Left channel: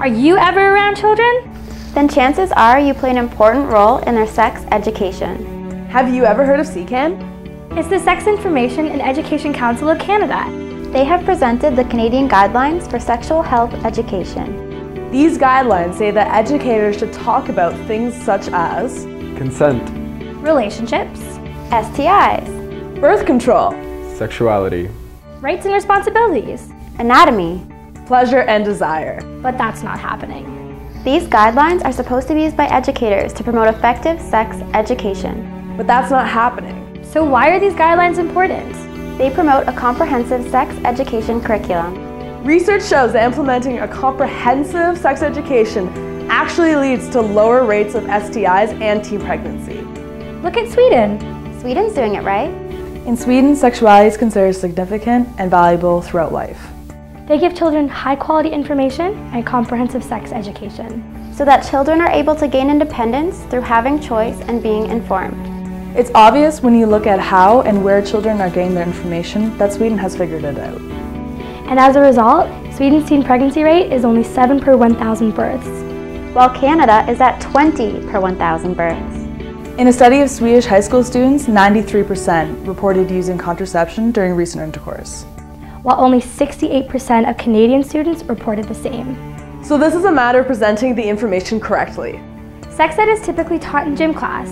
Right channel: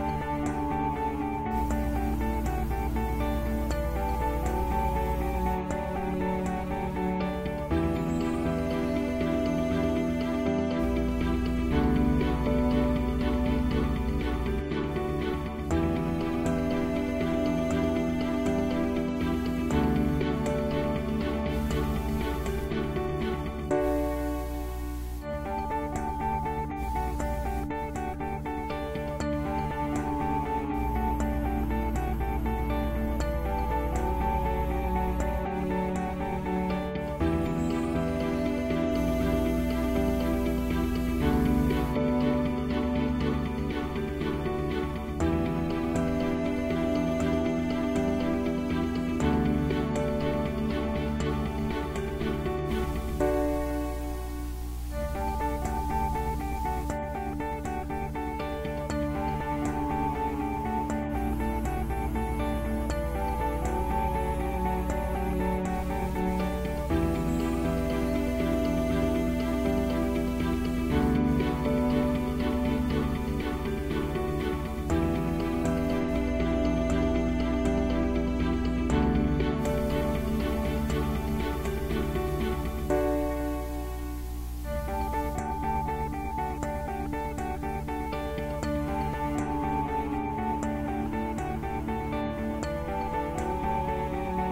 Are you ever around children? Then chances are you play an important role in their sex education. Have you ever heard of SECAN? It's the Sex Information and Education Council of Canada. They have presented the Canadian Guidelines for Sexual Health Education. These guidelines say that educators should talk about things such as consent, relationships, STIs, birth control, sexuality, rights and responsibilities, anatomy, pleasure and desire. but that's not happening. These guidelines are supposed to be used by educators to promote effective sex education. But that's not happening. So why are these guidelines important? They promote a comprehensive sex education curriculum. Research shows that implementing a comprehensive sex education actually leads to lower rates of STIs and teen pregnancy. Look at Sweden. Sweden's doing it right. In Sweden, sexuality is considered significant and valuable throughout life. They give children high-quality information and comprehensive sex education, so that children are able to gain independence through having choice and being informed. It's obvious when you look at how and where children are getting their information that Sweden has figured it out. And as a result, Sweden's teen pregnancy rate is only 7 per 1,000 births, while Canada is at 20 per 1,000 births. In a study of Swedish high school students, 93% reported using contraception during recent intercourse, while only 68% of Canadian students reported the same. So this is a matter of presenting the information correctly. Sex ed is typically taught in gym class.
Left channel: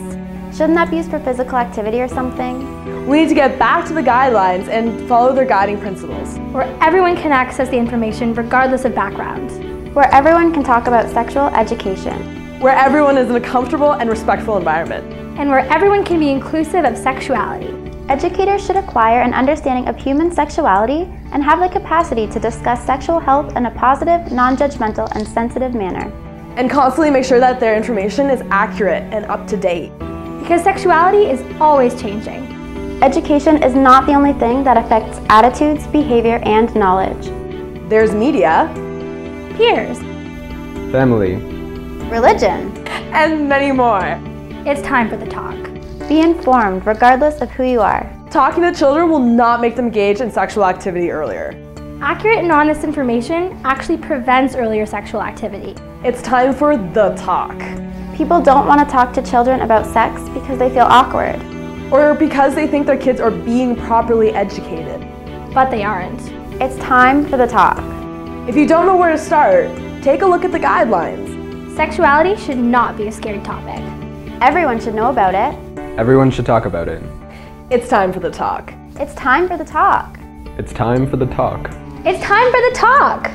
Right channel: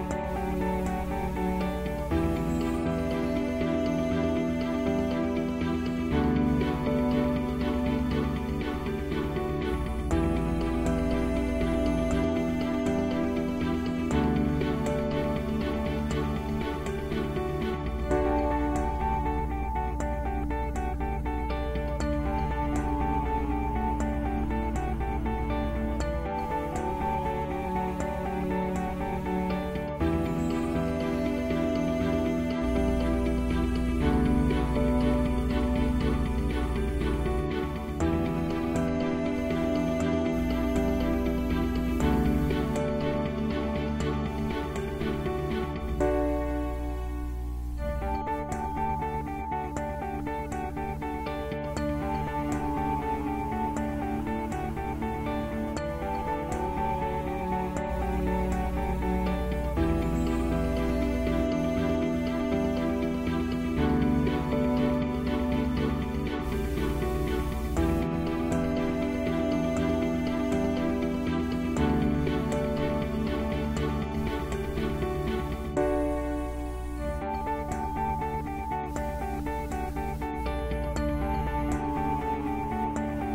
Shouldn't that be used for physical activity or something? We need to get back to the guidelines and follow their guiding principles. Where everyone can access the information regardless of background. Where everyone can talk about sexual education. Where everyone is in a comfortable and respectful environment. And where everyone can be inclusive of sexuality. Educators should acquire an understanding of human sexuality and have the capacity to discuss sexual health in a positive, non-judgmental, and sensitive manner. And constantly make sure that their information is accurate and up to date. Because sexuality is always changing. Education is not the only thing that affects attitudes, behavior, and knowledge. There's media, peers, family, religion, and many more. It's time for the talk. Be informed regardless of who you are. Talking to children will not make them engage in sexual activity earlier. Accurate and honest information actually prevents earlier sexual activity. It's time for the talk. People don't want to talk to children about sex because they feel awkward. Or because they think their kids are being properly educated. But they aren't. It's time for the talk. If you don't know where to start, take a look at the guidelines. Sexuality should not be a scary topic. Everyone should know about it. Everyone should talk about it. It's time for the talk. It's time for the talk. It's time for the talk. It's time for the talk!